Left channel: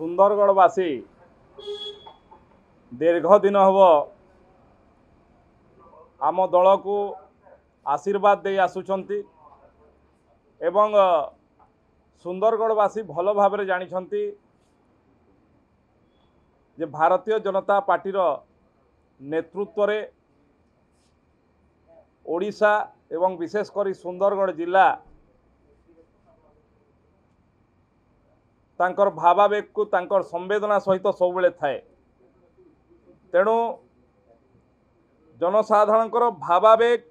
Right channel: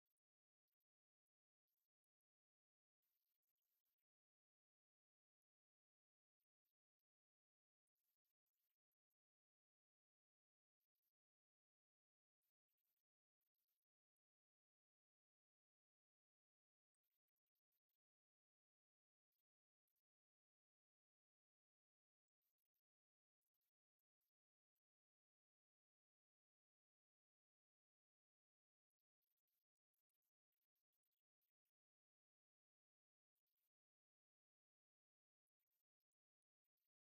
सुंदरगढ़वासी दीर्घ दिन हम आम दल को आशीर्वाद दे आसुचंती एवं सुंदरगढ़वासी भल भाव जानिछंती जे भारतीय जनता पार्टी नेतृत्व रे ओडिशा एवं विशेषकर सुंदरगढ़ जिला तांकर भावावेग को तांकर संवेदना सहित सब बेले थाए। तेणु जनसाधारण भावावेग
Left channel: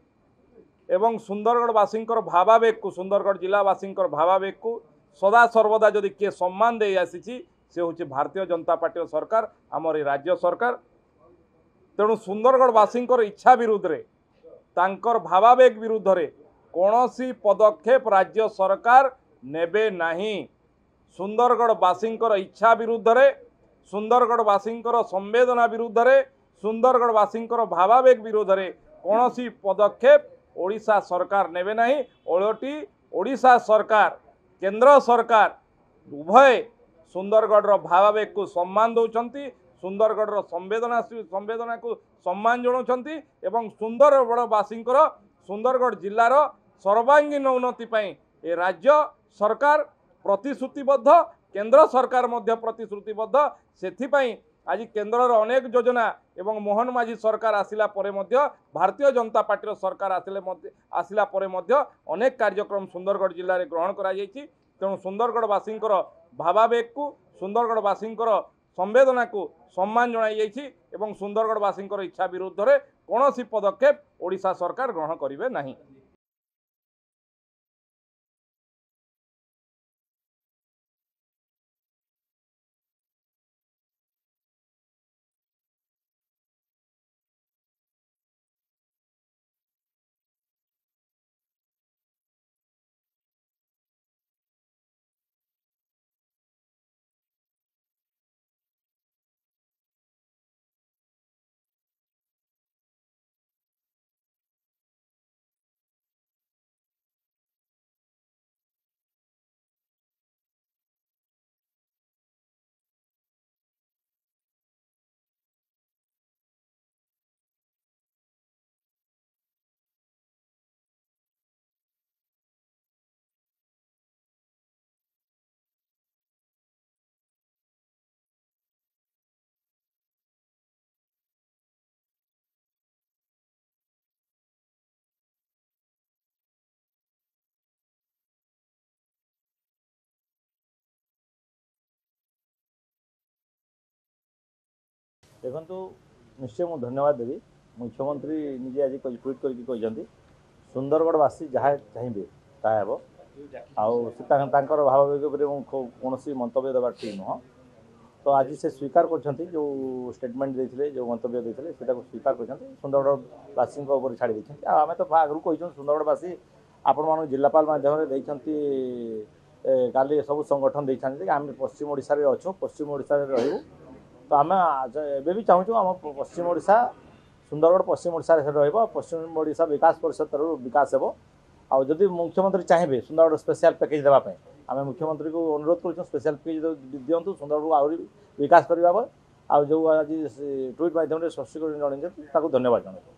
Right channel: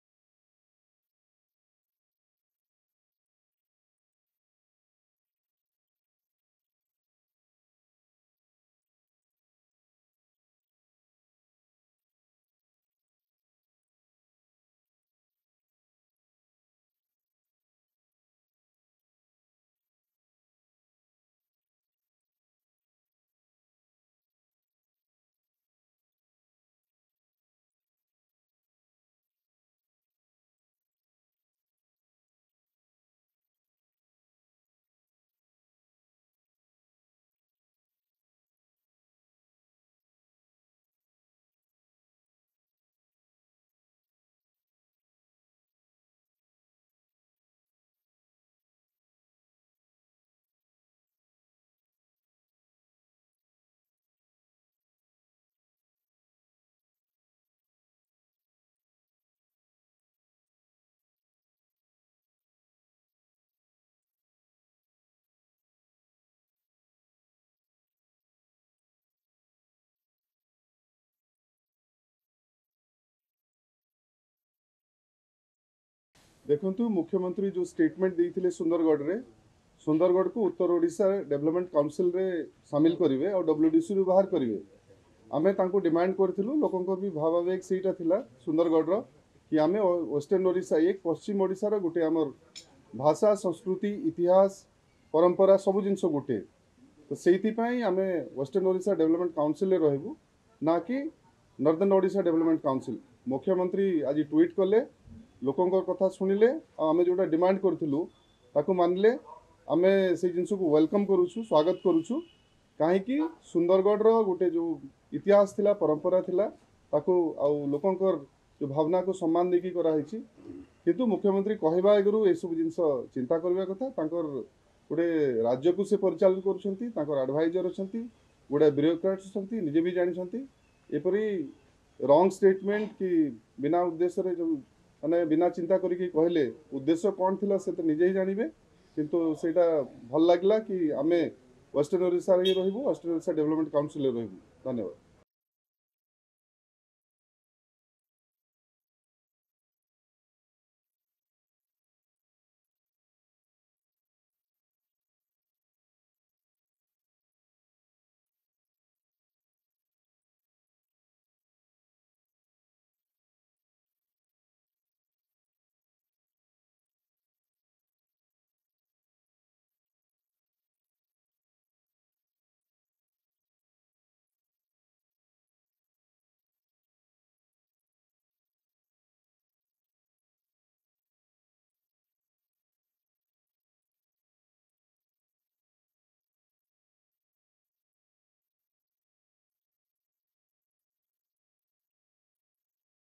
एवं सुंदरगढ़वासी भावावेग को सुंदरगढ़ जिलावासी भावावेग को सदा सर्वदा जदि किए सम्मान दे आसी से हूँ भारतीय जनता पार्टी सरकार आमर राज्य सरकार। तेणु सुंदरगढ़वासी इच्छा विरुद्ध रे तांकर भावावेग विरुद्ध रे कौनसी पदक्षेप राज्य सरकार नेबे नहीं। सुंदरगढ़वासी इच्छा विरुद्ध रे सुंदरगढ़वासी संवेदना विरुद्ध रे सुंदरगढ़वासी भावावेग विरुद्ध रे कौनसी पदक्षेप ओडिशा सरकार नेबे नहीं। ओलटी ओडिशा सरकार केंद्र सरकार उभय सुंदरगढ़ भावावेग को सम्मान दौरान सुंदरगढ़ संवेदना को सम्मान जनाउछंती एवं सुंदरगढ़वासी सुंदरगढ़ जिलार सर्वांगीन उन्नति पाई ए राज्य सरकार प्रतिश्रुतिबद्ध केंद्र सरकार मध्य प्रतिश्रुतिबद्ध। सेथिपाई आज केंद्र अनेक योजना एवं मोहन माझी सरकार आसिला परे मध्य भारतीय जनता पार्टी सरकार आसिला परे मध्य अनेक कार्यक्रम सुंदरगढ़ जिले में ग्रहण करा जायछि। तेणु सुंदरगढ़वासी भावावेग को सुंदरगढ़वासी संवेदना को सम्मान जणाई जायछि एवं सुंदरगढ़वासी इच्छा विरुद्ध रे कौनसी पदक्षेप ओडिशा सरकार ग्रहण करिवे नहीं। देखंतु मुख्यमंत्री जो स्टेटमेंट देइथिले सुंदरगढ़ को उत्तर ओडिशा डेवलपमेंट काउंसिल रे शामिल करिवे और डब्ल्यूडीसी रु बाहर करिवे। आमे तांको डिमांड करथिलु लोकंको भी भावावेग सेटा थिला सुंदरगढ़ रो कि आमे वेस्टर्न ओडिशा एक पश्चिम ओडिशा रो गुटे हमर भाषा संस्कृति इतिहास परंपरा सब जिनस गुटे तो सेइथिपाई आमे वेस्टर्न ओडिशा डेवलपमेंट काउंसिल रे रहबु ना कि नॉर्दर्न ओडिशा डेवलपमेंट काउंसिल। मुख्यमंत्री आज ट्वीट कले लोकंको कथा सुनिले आमे जोटा डिमांड करथिलु ताकू मानले आमे से जिनस को वेलकम करूछु स्वागत करूछु कहीं सुंदरगढ़ रो गोटे जो इतिहास थिला परंपरा थिला ताकू आ लोकंकर जो भावना को सम्मान देकी करा हिची किंतु मुख्यमंत्री कहबा एगरु ए सब जिनस चिंता करबा कथा तांकर गोटे राज्य को से परिचालन करूछंती तांकर एडवाइजर अछंती गोटे ब्यूरोक्रेट्स अछंती निजे भी जानिछंती एपरी रॉन्ग स्टेटमेंट कि बिना उद्देश्य रे जो माने बिना चिंता करिके कहले उद्देश्य कौन थिला से तो निजे ही जानिबे किंतु सेटा भल लागला कि आमे वेस्टर्न ओडिशा रे रहबो वेस्टर्न ओडिशा डेवलपमेंट काउंसिल रे रहबो। धन्यवाद। देखंतु निश्चय मु धन्यवाद देवी मुख्यमंत्री निजे आज ट्वीट करके कहते सुंदरगढ़वासी जहाँ चाहिए ताहा हेबो आउ तांकर भावावेग कौन मंतव्य देवा ठीक नुह। तो आज से स्वीकार कर जो स्टेटमेंट देते जो मंतव्य देते स्वीकार कर सुंदरगढ़वासी छाड़ी आम तो आगु कही सुंदरगढ़वासी आपण मान जिलापाल माध्यम काली सब संगठन देते आम पश्चिम ओडिशा रे अच्छु पश्चिम ओडिशा रे रहबू। तो आम एबे भी चाहूँ आम पश्चिम ओडिशा सुंदरगढ़ पश्चिम ओडिशा रे पश्चिम ओडिशा विकास परिषद तरफ विकास हेबो। आउ जदि मुख्यमंत्री चाहिए सुंदरगढ़ स्पेशल पैकेज देवाई आम मुख्यमंत्री को अनुरोध कर स्पेशल पैकेज दिंतु सुंदरगढ़ आहरी विकास करने। आज जो आज ट्वीट माध्यम स्पष्टीकरण जन धन्यवाद जनाऊँ।